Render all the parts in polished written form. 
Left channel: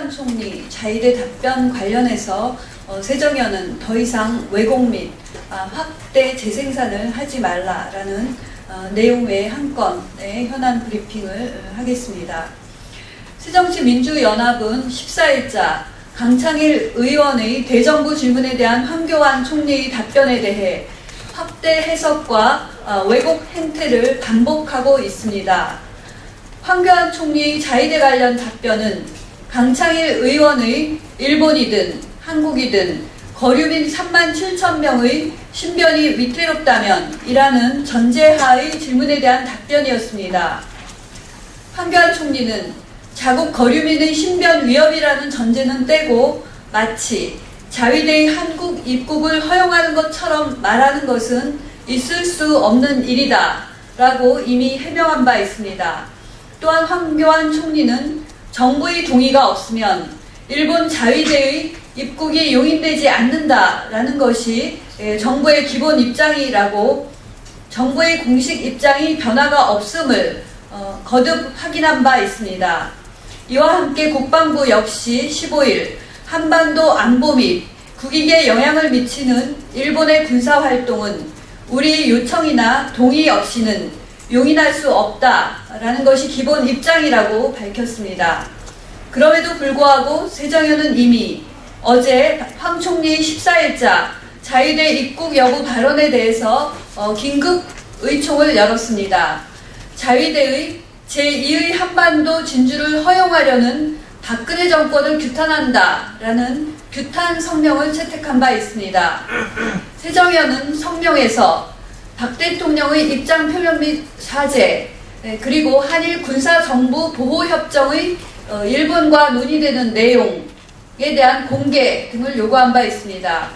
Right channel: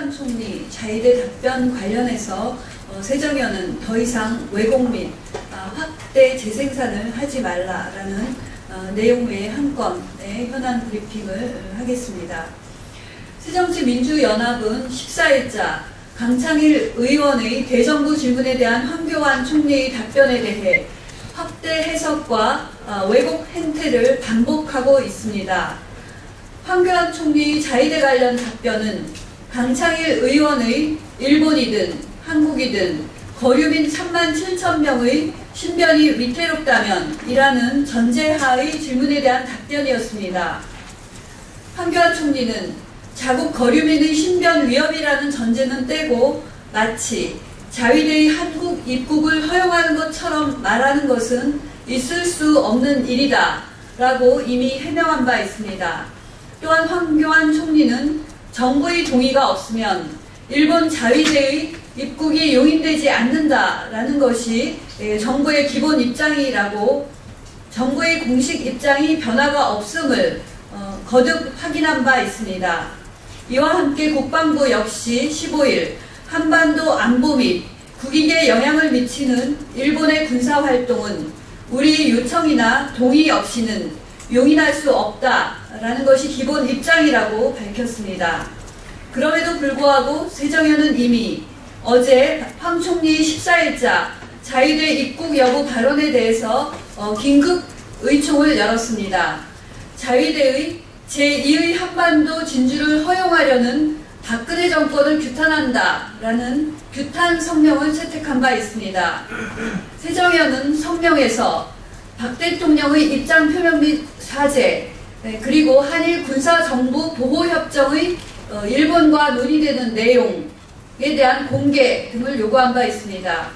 황교안 총리 자위대 답변 관련해서 새정연은 더 이상 왜곡 및 확대 재생산을 하지 말라라는 내용 외에 한 건의 현안 브리핑을 하겠습니다. 새정치민주연합은 14일자 강창일 의원의 대정부 질문에 대한 황교안 총리의 답변에 대해 확대 해석과 왜곡 행태를 반복하고 있습니다. 황교안 총리의 자위대 관련 답변은 강창일 의원의 일본이든 한국이든 거류민 3만 7천 명의 신변이 위태롭다면 이라는 전제하의 질문에 대한 답변이었습니다. 황교안 총리는 자국 거류민의 신변 위협이라는 전제는 떼고 마치 자위대의 한국 입국을 허용하는 것처럼 말하는 것은 있을 수 없는 일이다 라고 이미 해명한 바 있습니다. 또한 황교안 총리는 정부의 동의가 없으면 일본 자위대의 입국이 용인되지 않는다라는 것이 정부의 기본 입장이라고 정부의 공식 입장이 변화가 없음을 거듭 확인한 바 있습니다. 이와 함께 국방부 역시 15일 한반도 안보 및 국익에 영향을 미치는 일본의 군사활동은 우리 요청이나 동의 없이는 용인할 수 없다라는 것이 기본 입장이라고 밝혔습니다. 그럼에도 불구하고 새정연은 이미 어제 황 총리의 14일자 자위대 입국 여부 발언에 대해서 긴급 의총을 열었습니다. 자위대의 제2의 한반도 진주를 허용하려는 박근혜 정권을 규탄한다라는 규탄 성명을 채택한 바 있습니다. 새정연은 성명에서 박 대통령의 입장 표명 및 사죄, 그리고 한일 군사정부 보호협정의 일본과 논의되는 내용에 대한 공개 등을 요구한 바 있습니다.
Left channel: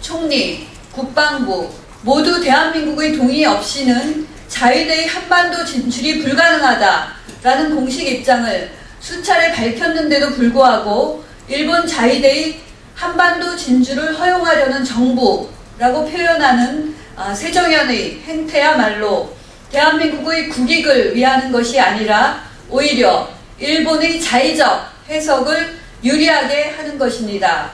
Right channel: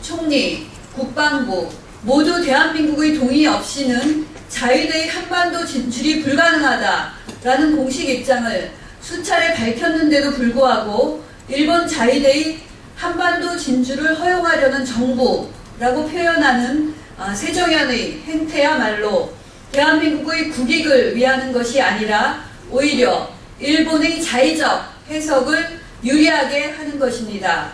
총리, 국방부 모두 대한민국의 동의 없이는 자위대의 한반도 진출이 불가능하다라는 공식 입장을 수차례 밝혔는데도 불구하고 일본 자위대의 한반도 진출을 허용하려는 정부라고 표현하는 새정연의 행태야말로 대한민국의 국익을 위하는 것이 아니라 오히려 일본의 자의적 해석을 유리하게 하는 것입니다.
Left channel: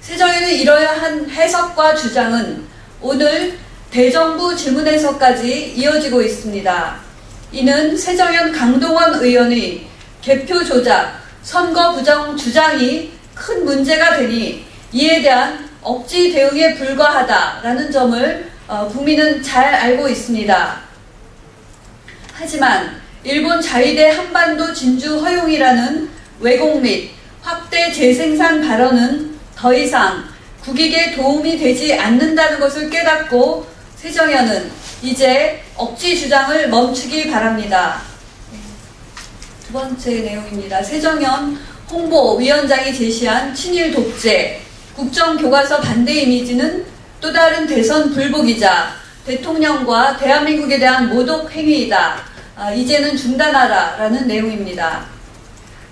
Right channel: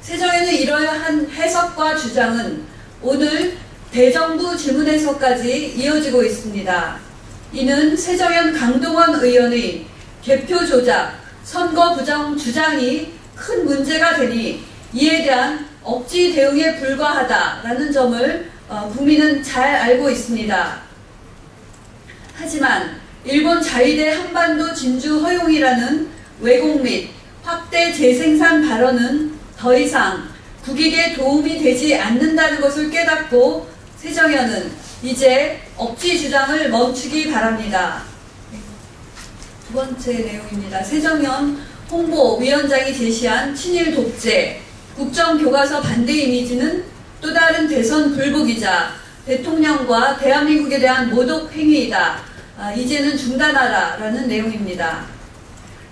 새정연의 이러한 해석과 주장은 오늘 대정부 질문에서까지 이어지고 있습니다. 이는 새정연 강동원 의원의 개표 조작, 선거 부정 주장이 큰 문제가 되니 이에 대한 억지 대응에 불과하다라는 점을 국민은 잘 알고 있습니다. 하지만 일본 자위대 한반도 진주 허용이라는 왜곡 및 확대 재생산 발언은 더 이상 국익에 도움이 되지 않는다는 것을 깨닫고 새정연은 이제 억지 주장을 멈추기 바랍니다. 두 번째 내용입니다. 새정연 홍보위원장이 제시한 친일 독재, 국정교과서 반대 이미지는 또 다른 대선 불복이자 대통령과 대한민국에 대한 모독 행위이다. 이제는 중단하라 라는 내용입니다.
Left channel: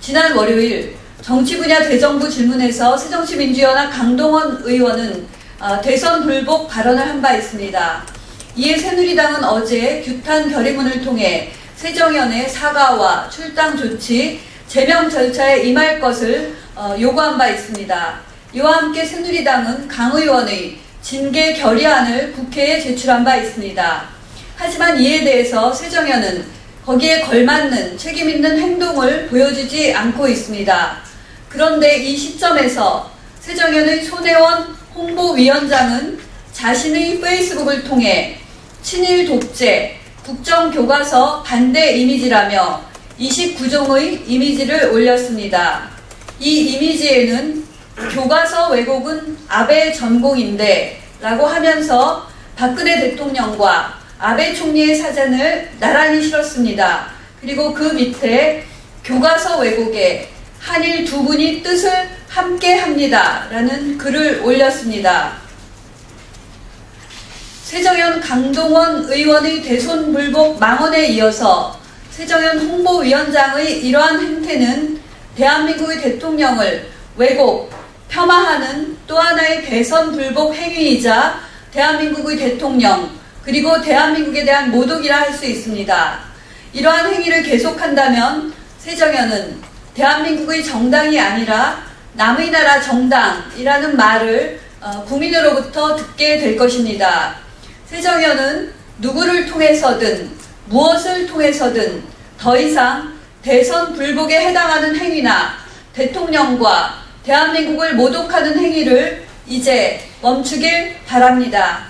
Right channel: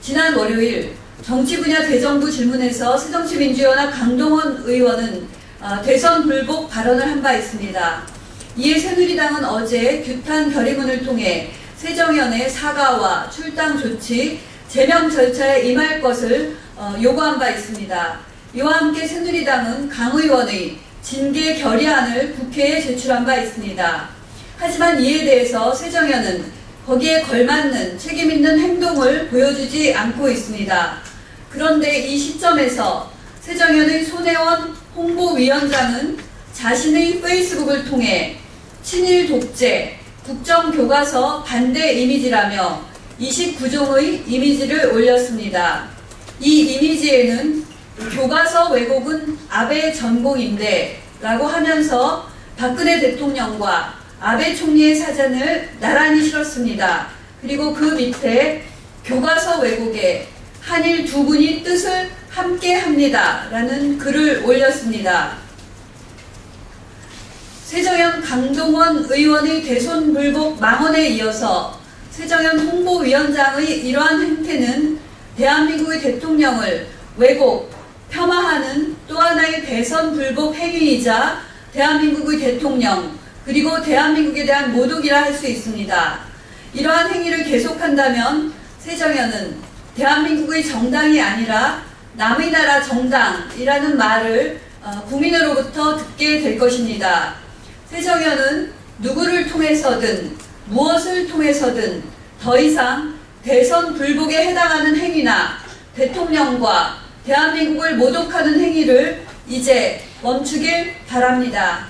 지난 월요일 정치 분야 대정부 질문에서 새정치민주연합 강동원 의원은 대선 불복 발언을 한 바 있습니다. 이에 새누리당은 어제 규탄 결의문을 통해 새정연의 사과와 출당 조치, 제명 절차에 임할 것을 요구한 바 있습니다. 이와 함께 새누리당은 강 의원의 징계 결의안을 국회에 제출한 바 있습니다. 하지만 이에 대해서 새정연은 거기에 걸맞는 책임있는 행동을 보여주지 않고 있습니다. 그런데 이 시점에서 새정연의 손혜원 홍보위원장은 자신의 페이스북을 통해 친일 독재, 국정교과서 반대 이미지라며 29종의 이미지를 올렸습니다. 이 이미지에는 교과서 왜곡은 아베 전공인데 라고 하면서 박근혜 대통령과 아베 총리의 사진을 나란히 실었습니다. 그리고 그 밑에 교과서 왜곡에 한일 두 분이 뜻을 함께 합니다 라는 글을 올렸습니다. 새정연 강동원 의원의 대선 불복 망언에 이어서 새정연 홍보위원장의 이러한 행태는 대한민국의 대통령을 왜곡, 폄하하는 또 하나의 대선 불복 행위이자 대한민국의 대통령 그리고 대한민국에 대한 모독이라 할 수 있습니다. 이러한 행위를 계속한다면 새정연은 대한민국의 정당이 아니라 남의 나라 정당이라는 말을 국민으로부터 듣게 될 것입니다. 새정연은 누구를 통해서든 무엇을 통해서든 더 이상 대선 불복에 해당하는 행위나 대통령과 대한민국을 모독하는 행위를 이제 멈추길 바랍니다.